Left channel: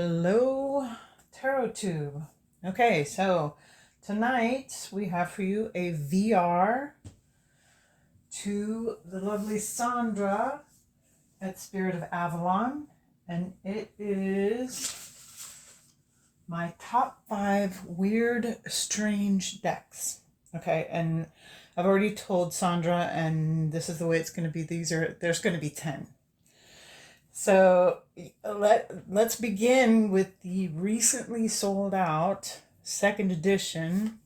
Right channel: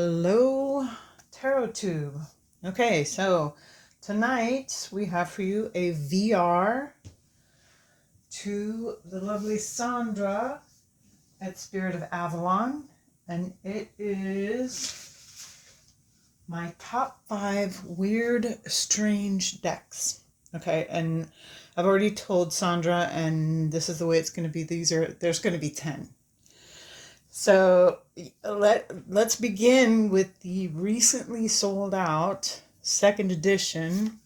Hello, Tarot Tube. Okay, so tonight we have for you a VR to the lovely Sandra at Spirit of Avalon, and it is my top 5 weird, strange decks. Okay, and I've already told Sandra, and this is the way it's going to be. There's going to be 10. So let's begin with the recently sold out second edition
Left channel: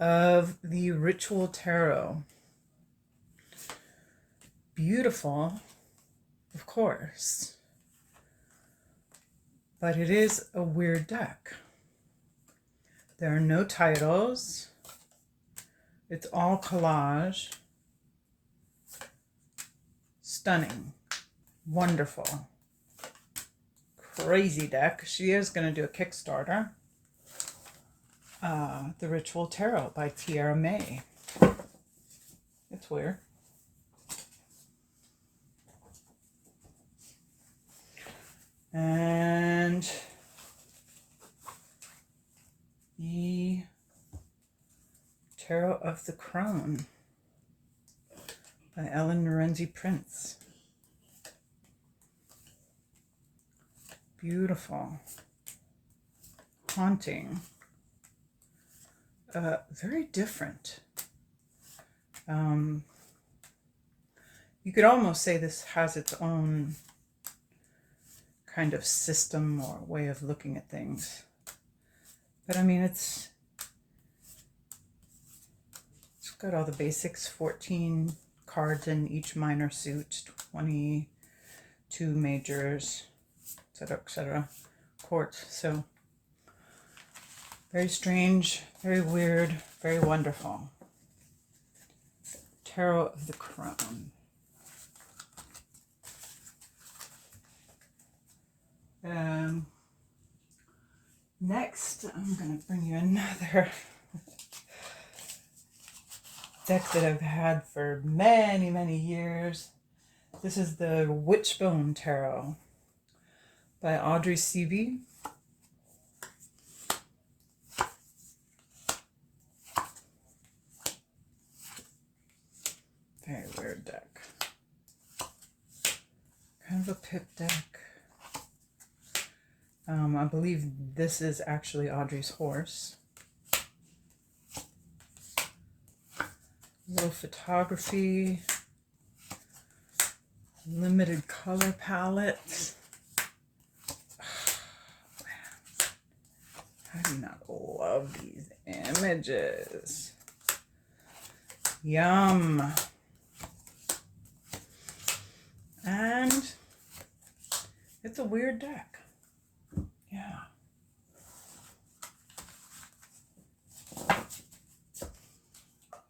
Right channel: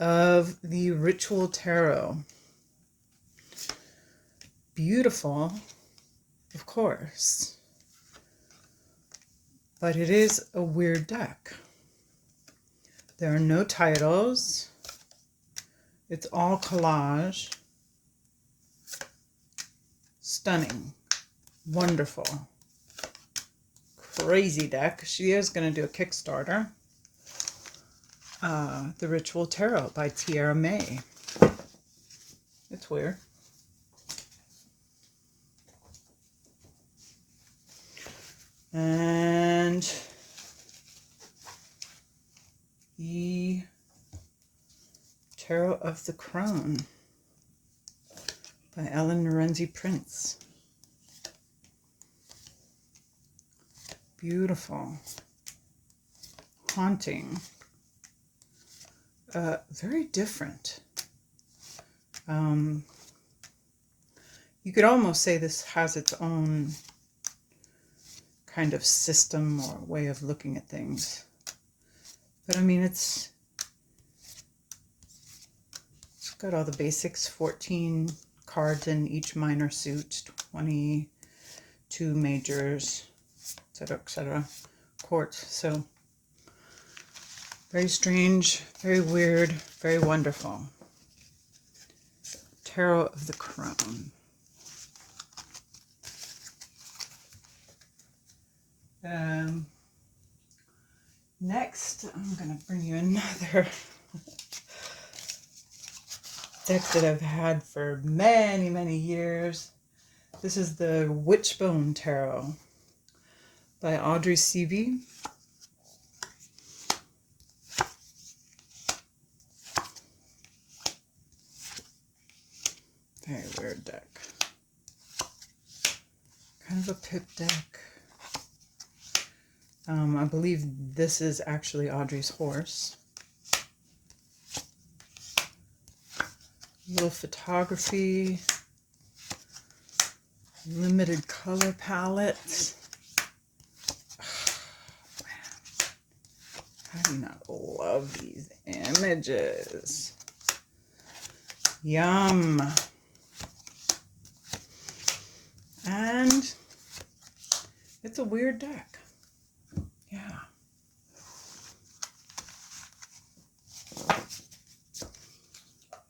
of the Ritual Tarot. Beautiful, of course, but it is a weird deck. There are no titles. It's all collage. Stunning. Wonderful. Crazy deck. She is going to do a Kickstarter. The Ritual Tarot by Tiera May. It's weird. And the Tarot of the Crone by Lorenzi-Prince. Beautiful, haunting, very different. You could almost say this has its own kind of system or way of looking at things. But I mean, it's got all the basics, 14 cards in each minor suit, 22 majors, etc., court. So very strange, very weird, very wonderful. Tarot of the Crone. Next, I'm going to bring you another deck that I've had for many, many years. This is the Witchbone Tarot by Aubrey Siebe. Very weird deck. Kind of a pip deck. I believe this is actually Audrey's horse. Little photography. Limited color palette. I do not love these images. Yum. And it's a weird deck. Yeah.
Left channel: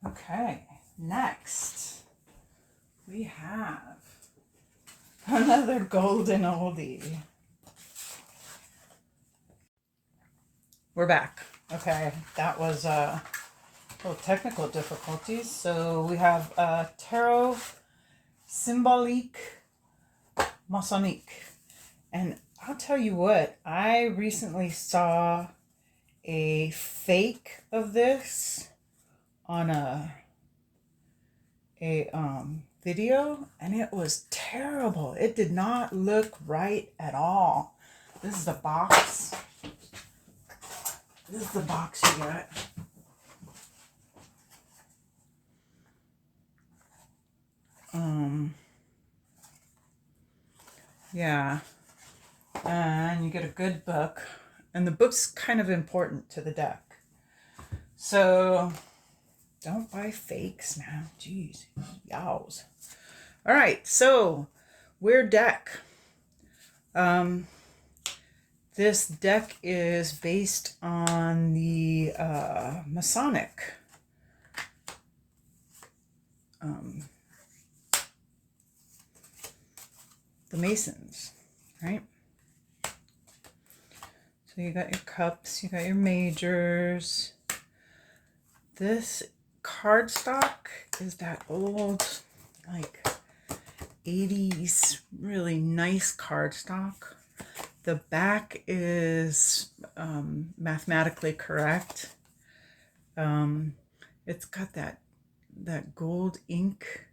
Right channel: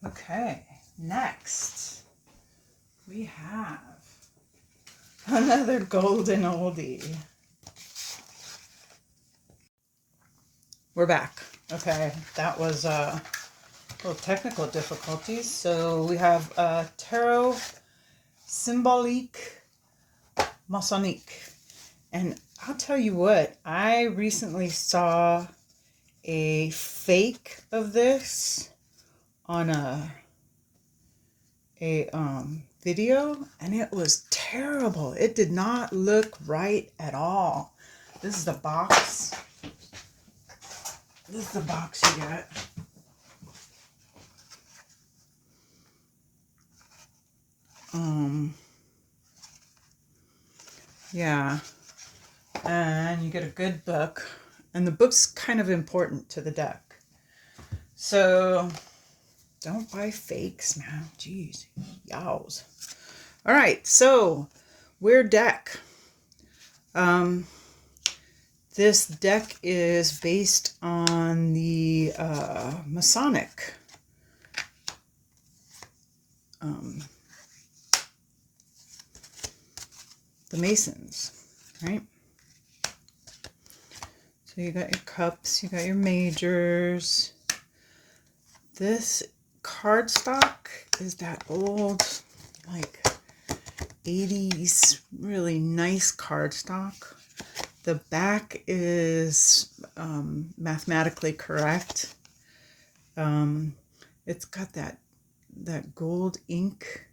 Okay, next we have another golden oldie. We're back. Okay, that was little technical difficulties. So we have Tarot Symbolique Masonic. And I'll tell you what, I recently saw a fake of this on a video, and it was terrible. It did not look right at all. This is the box. This is the box you get. Yeah. And you get a good book. And the book's kind of important to the deck. So don't buy fakes, man. Jeez. Yows. All right. So weird deck. This deck is based on the Masonic. The Masons, right? So you got your cups, you got your majors. This cardstock is that old, like 80s, really nice cardstock. The back is mathematically correct. It's got that gold ink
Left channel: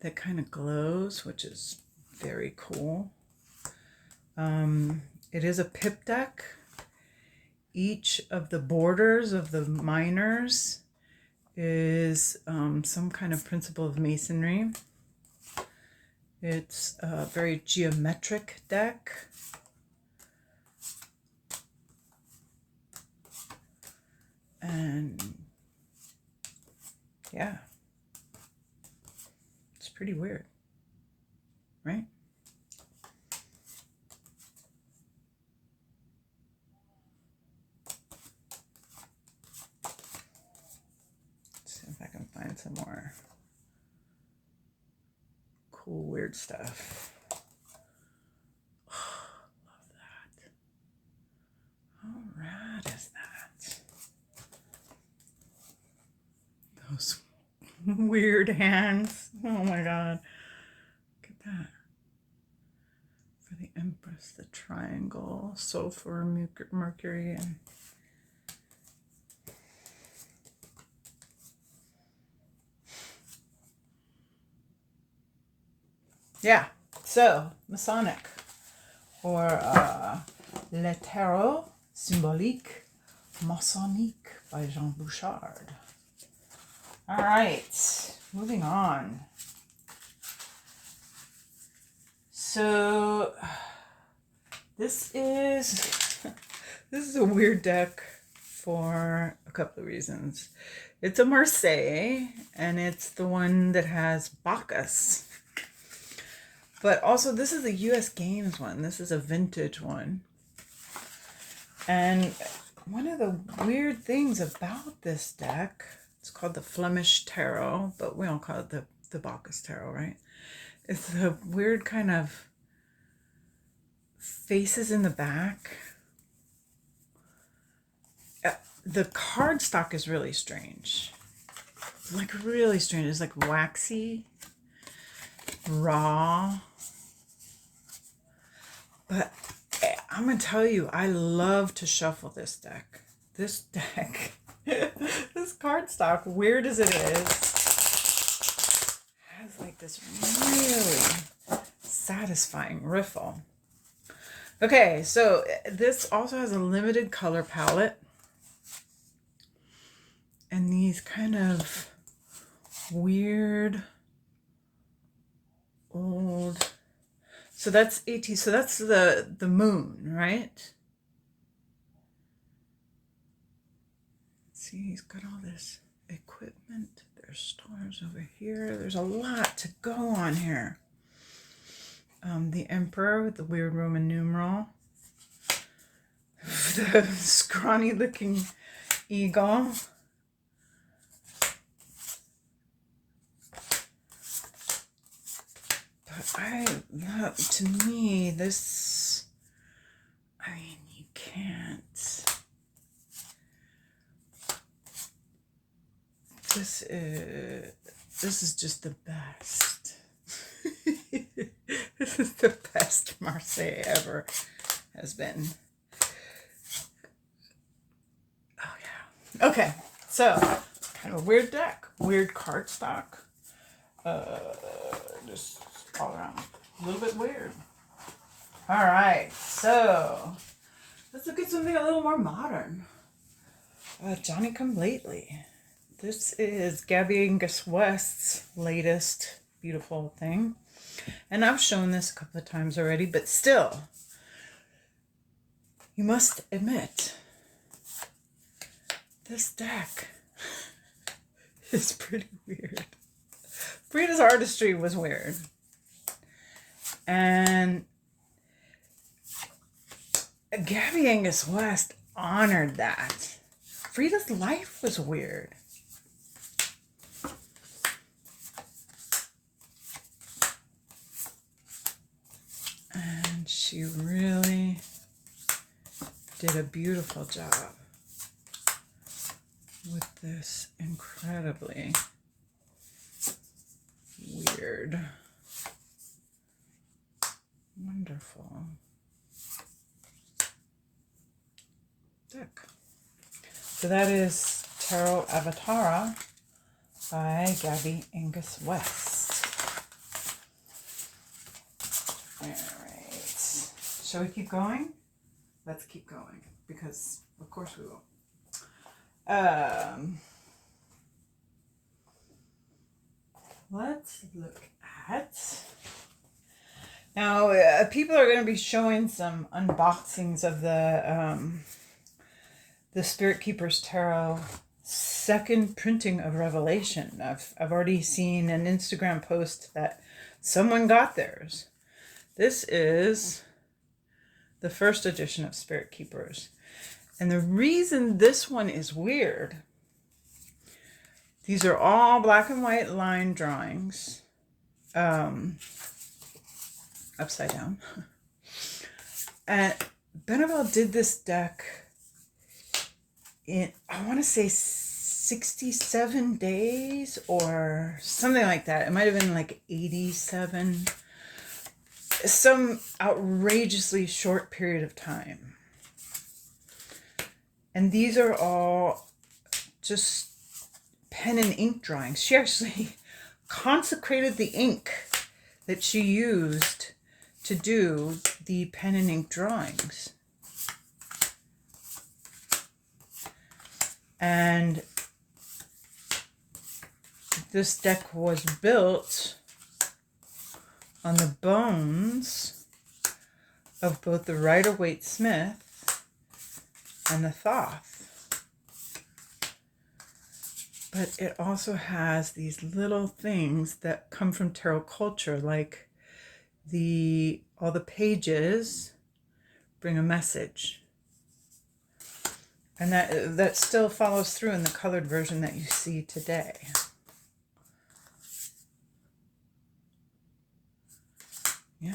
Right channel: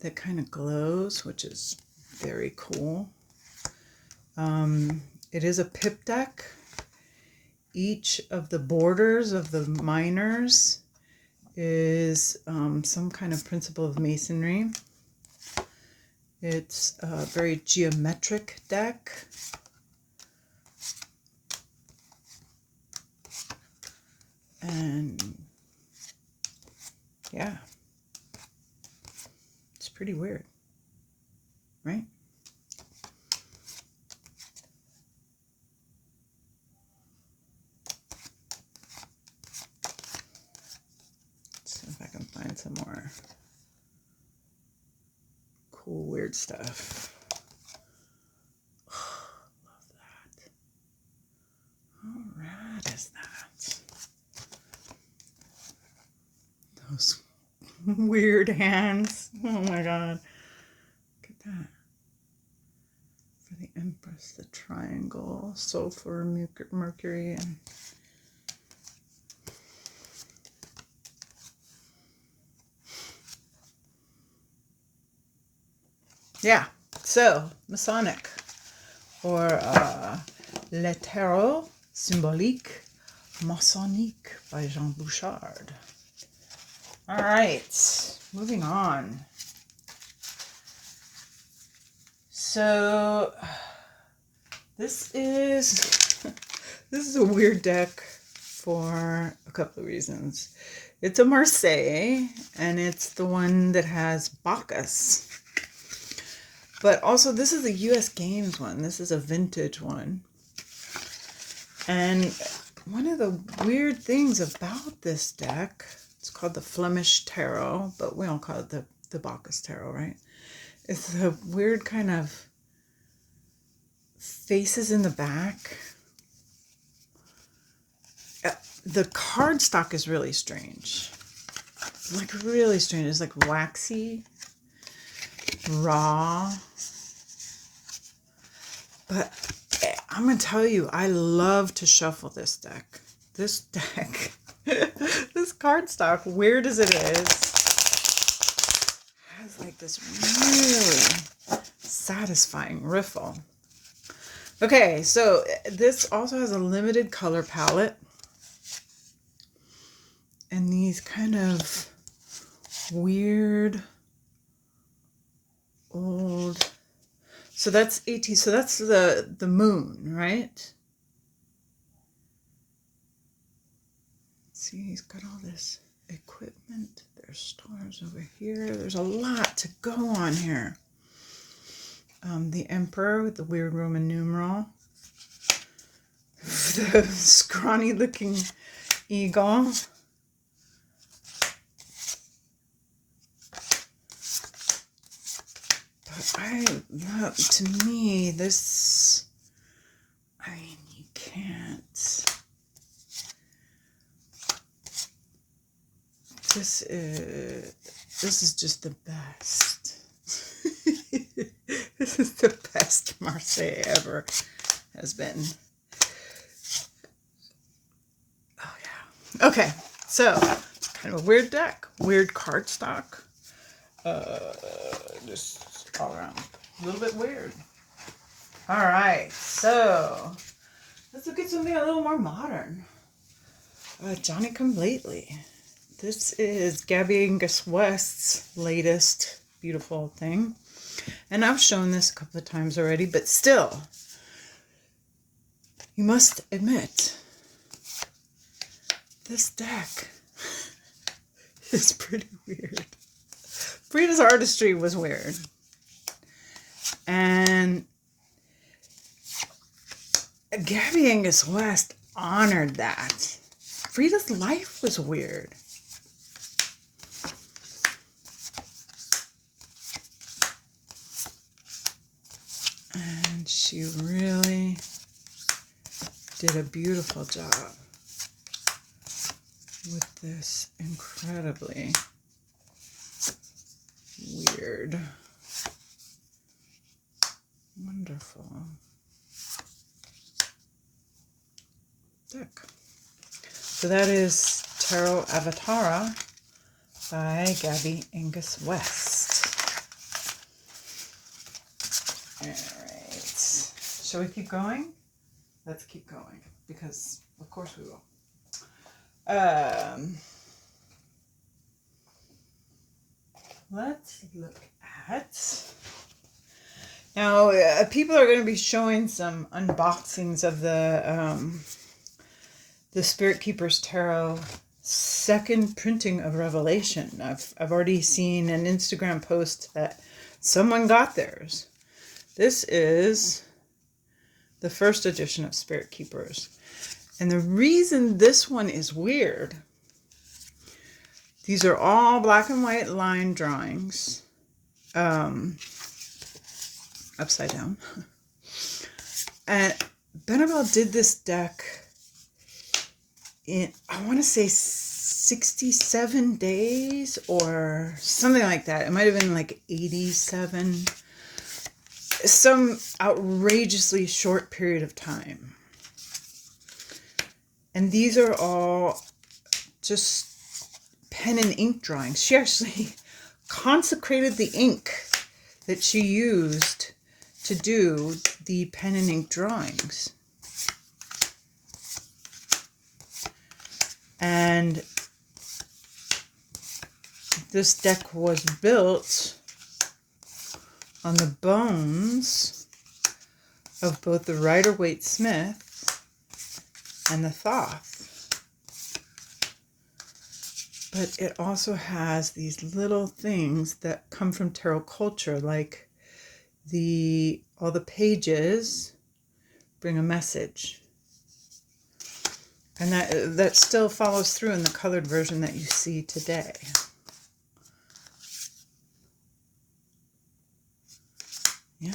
that kind of glows, which is very cool. It is a pip deck. Each of the borders of the minors is some kind of principle of masonry. It's a very geometric deck. And yeah, it's pretty weird, right? Let's see if I can find some more cool, weird stuff. Oh, love that. How rad is that? Those weird hands. Oh my god. Look at that. For the Empress, the triangle, sulfur, Mercury, and yeah. So, Masonic, or Le Tarot Symbolique Masonique by Jean Beauchard. All right, moving on. So this is a weird deck for a couple of reasons. It's a Marseille, and it's the one that has Bacchus. But also, this is a US Games one. This is a vintage one. And one of the weird things about this deck, it's called the Flemish Tarot, but we don't call it the Bacchus Tarot, right? It's the weird kind of faces in the back. The cardstock is really strange. Like, really strange. It's like waxy, raw. But I'm going to tell you, I love to shuffle this deck. This deck, this cardstock, weird as it is, has like this really satisfying riffle. Okay, so this also has a limited color palette. And these kind of weird old... So that's 18. So that's the moon, right? See, he's got all this equipment. There's stars over here. There's a lot to go on here. The Emperor with the weird Roman numeral. The scrawny looking eagle. To me, this, I mean, you can't. This is just the best. This is the best Marseille ever has been. Oh yeah. Okay, so kind of a weird deck, weird cardstock. Just all around a little bit weird. All right, so let's look at something a little more modern. Johnny Come Lately. This is Gabi Angus-West's latest beautiful thing. And I've shown this a couple of times already, but still, you must admit, this deck is pretty weird. Frida's artistry was weird. And Gabi Angus-West honored that. Frida's life was weird. And she really did a beautiful job with this incredibly weird, wonderful So that is Tarot Avatara by Gabi Angus-West. All right. Shall we keep going? Let's keep going because, of course, we will. Let's look at... Now, people are going to be showing some unboxings of the Spirit Keepers Tarot second printing of Revelation. I've already seen an Instagram post that someone got theirs. This is the first edition of Spirit Keepers. And the reason this one is weird, these are all black and white line drawings, upside down. And Benebell did this deck in, I want to say 67 days or something like that. It might have been like 87. Some outrageously short period of time. And these are all just pen and ink drawings. She actually consecrated the ink that she used to do the pen and ink drawings. And this deck was built on the bones of both the Rider-Waite-Smith and the Thoth. But it also has these little things that come from tarot culture, like all the pages bring a message. And that still follows through in the colored version that you see today. Yeah.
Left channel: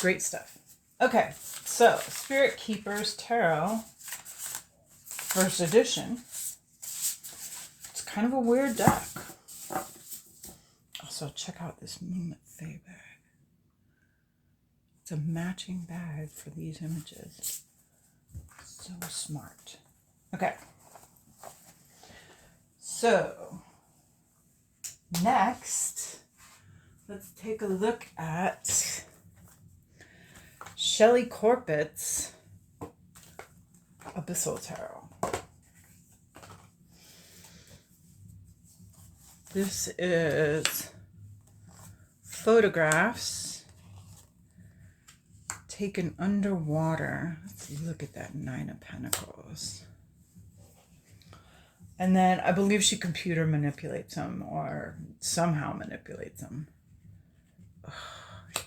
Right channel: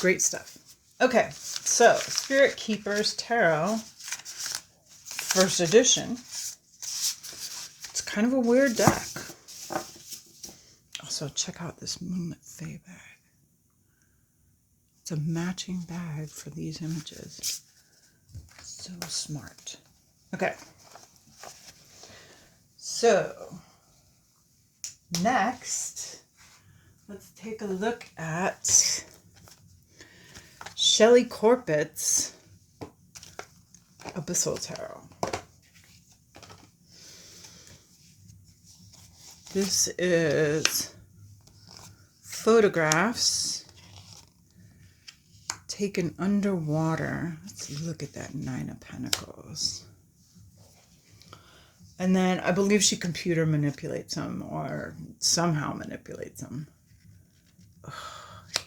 Great stuff. Okay, so Spirit Keepers Tarot, first edition. It's kind of a weird deck. Also, check out this Moonlit Fae bag. It's a matching bag for these images. So smart. Okay. So, next, let's take a look at Shelly Corbett's Abyssal Tarot. This is photographs taken underwater. Let's look at that Nine of Pentacles. And then I believe she computer manipulates them or somehow manipulates them. Oh, yum.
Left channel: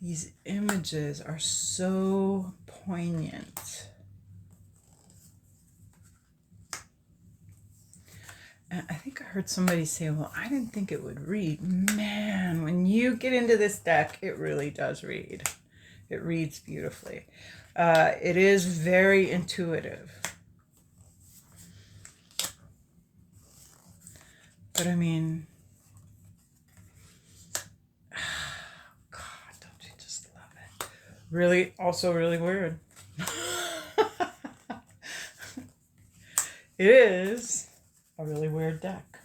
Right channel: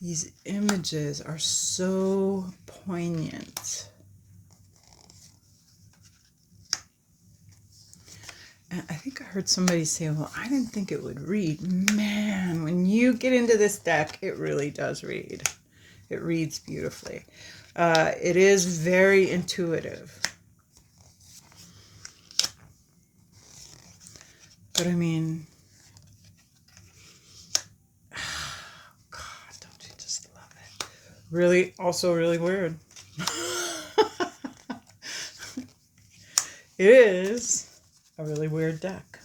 These images are so poignant. And I think I heard somebody say, well, I didn't think it would read. Man, when you get into this deck, it really does read. It reads beautifully. It is very intuitive. But I mean, God, don't you just love it? Really, also really weird. It is a really weird deck.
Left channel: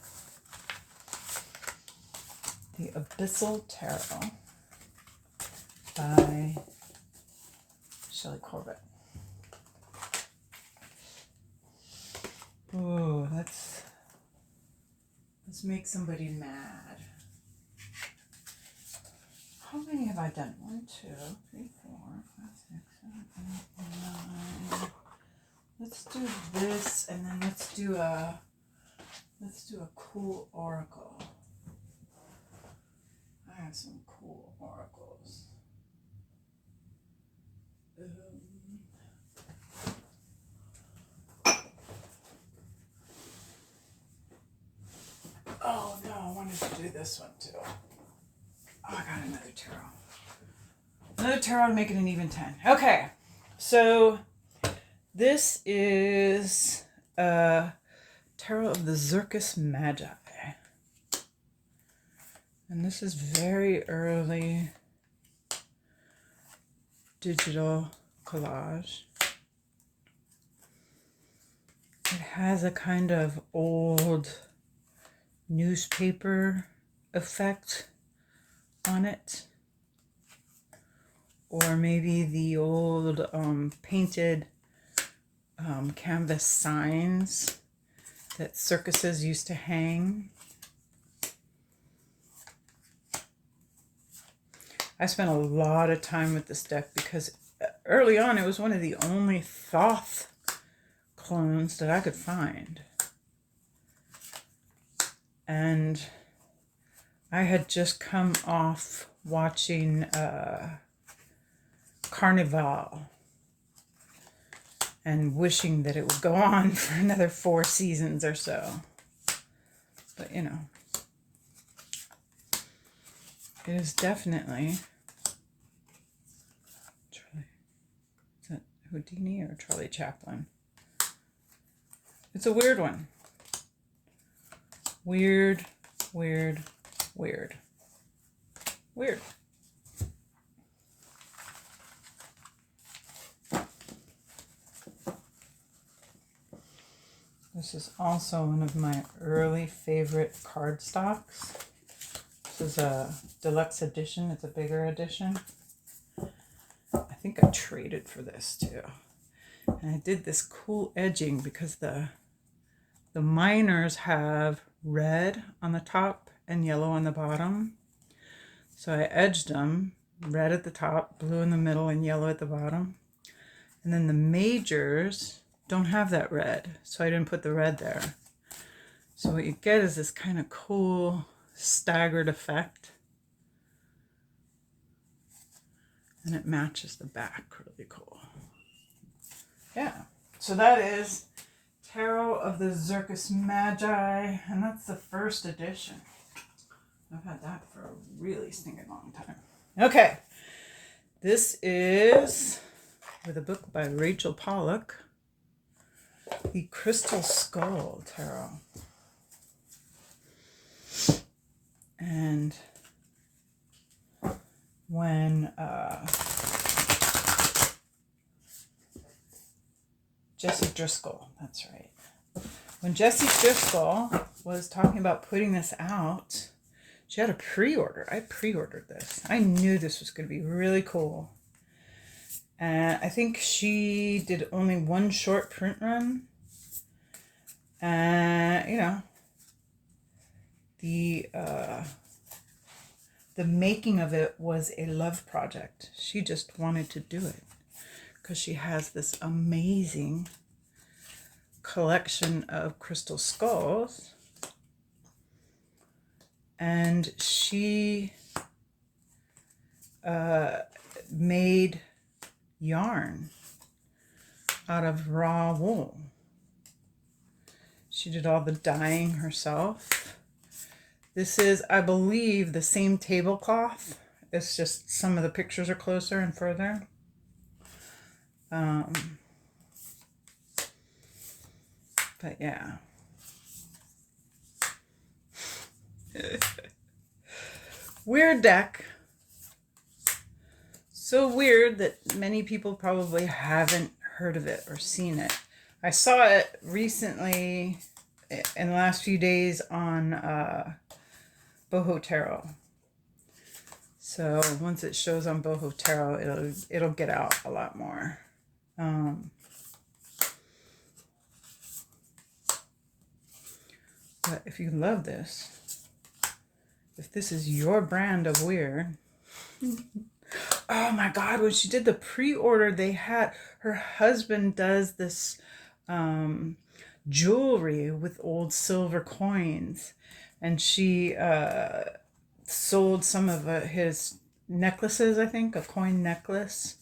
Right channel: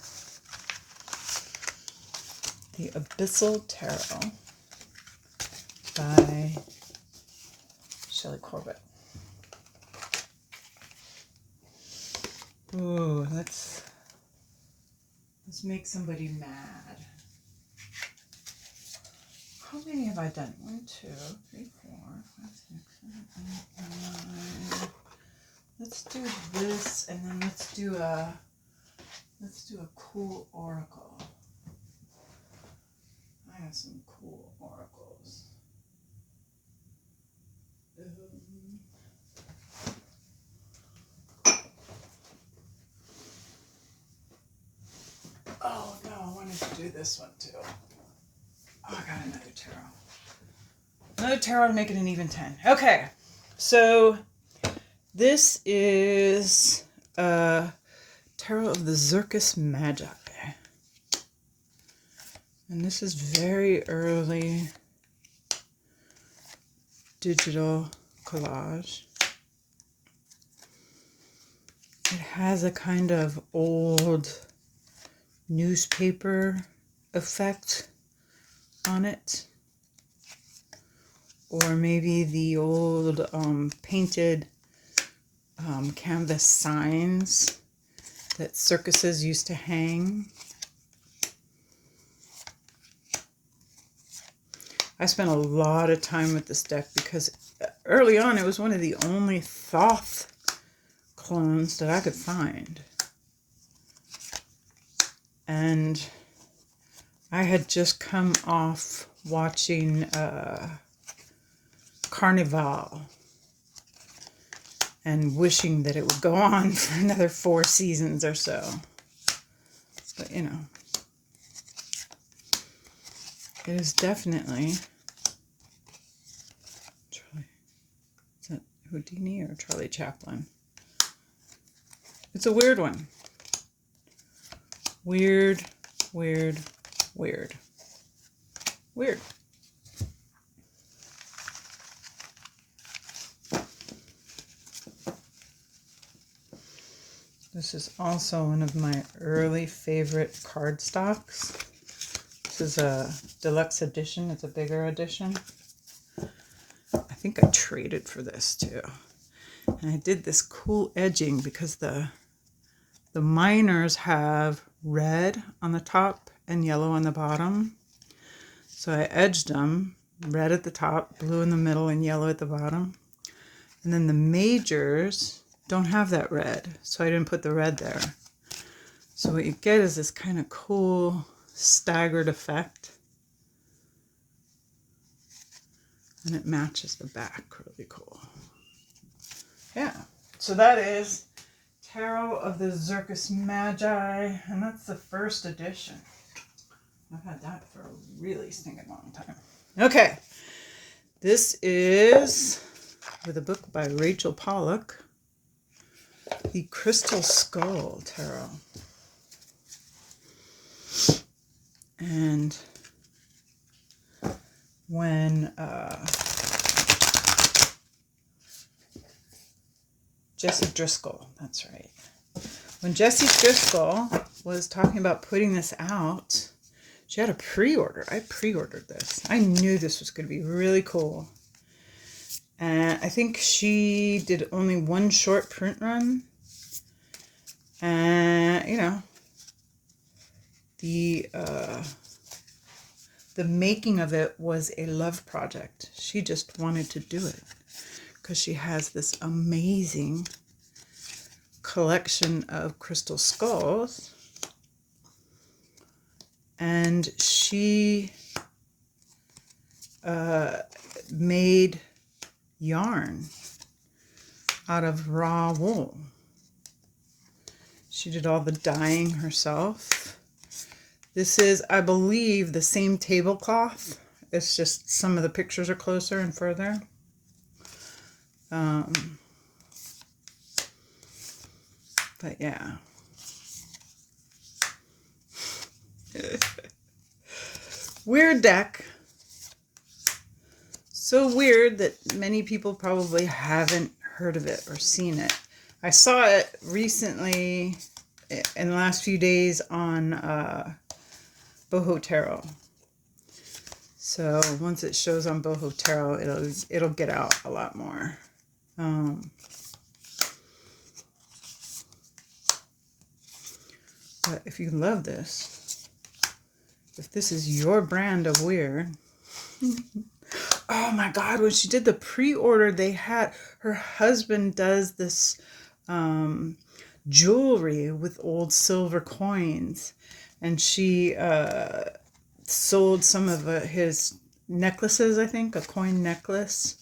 The Abyssal Tarot by Shelly Corbett. Ooh, let's make somebody mad. How many have I done? 1, 2, 3, 4, 5, 6, 7, 8, 9. Let's do this, and then let's do a cool oracle. I have some cool oracles. Oh no, I wanted to do this one too. Oh, I got another tarot. Another tarot to make it an even 10. Okay, so this is a tarot of the Zirkus Magi. And this is very early digital collage. It has a kind of old newspaper effect on it. Or maybe the old painted canvas signs that circuses used to hang. I spent a lot of time with this deck because early on it was one of the only Thoth clones that I could find. And I had just come off watching Carnival and wishing that it would go on for another 4 seasons or so. But, you know, it is definitely Charlie. Is that Houdini or Charlie Chaplin? It's a weird one. Weird, weird, weird. Weird. This is also one of my early favorite cardstocks. This is a deluxe edition. It's a bigger edition. I think I traded for this too. And I did this cool edging because the minors have red on the top and yellow on the bottom. So I edged them, red at the top, blue in the middle, and yellow at the bottom. And then the majors don't have that red, so I didn't put the red there. So what you get is this kind of cool staggered effect. And it matches the back really cool. Yeah, so that is Tarot of the Zirkus Magi, and that's the first edition. I've had that for a really stinking long time. Okay, this is with a book by Rachel Pollack, the Crystal Skull Tarot. And when Jessie Driscoll, that's right. When Jessie Driscoll was talking about putting this out, she had a pre-order. I pre-ordered this. I knew this was going to be really cool. And I think she did only one short print run. And, you know, the making of it was a love project. She just wanted to do it because she has this amazing collection of crystal skulls. And she made yarn out of raw wool. She did all the dyeing herself. This is, I believe, the same tablecloth. It's just some of the pictures are closer and further. But yeah. Weird deck. So weird that many people probably haven't heard of it or seen it. I saw it recently in the last few days on Boho Tarot. So once it shows on Boho Tarot, it'll get out a lot more. But if you love this, if this is your brand of weird, oh my God, when she did the pre-order, they had, her husband does this jewelry with old silver coins, and she sold some of his necklaces, I think, a coin necklace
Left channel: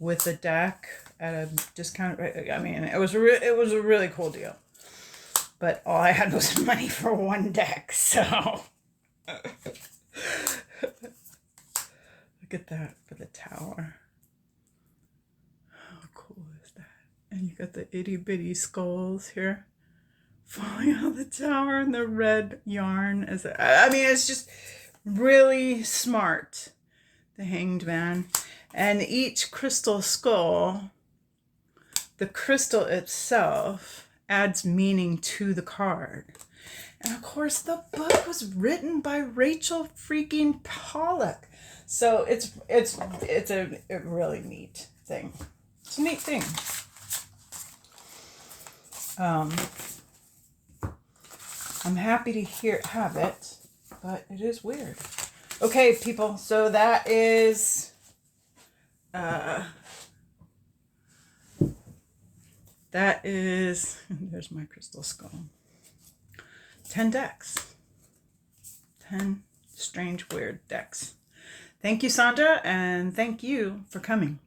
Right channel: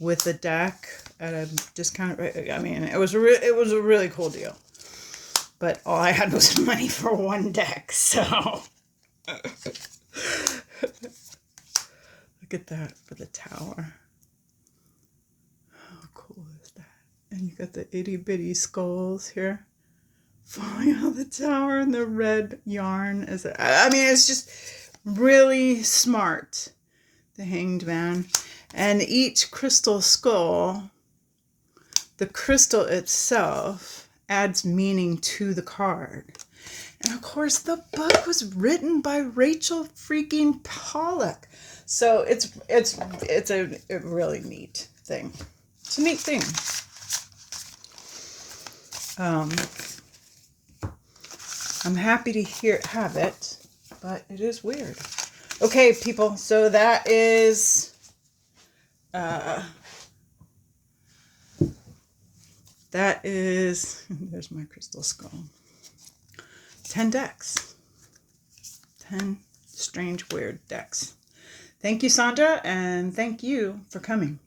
with the deck at a discount. I mean, it was a really cool deal. But all I had was money for one deck, so look at that for the tower. How cool is that? And you got the itty bitty skulls here falling out of the tower, and the red yarn is. I mean, it's just really smart. The Hanged Man, And each crystal skull, the crystal itself adds meaning to the card. And of course, the book was written by Rachel freaking Pollack. So it's a really neat thing. It's a neat thing. I'm happy to have it, but it is weird. Okay, people. So that is there's my crystal skull. 10 decks. 10 strange, weird decks. Thank you, Sandra, and thank you for coming.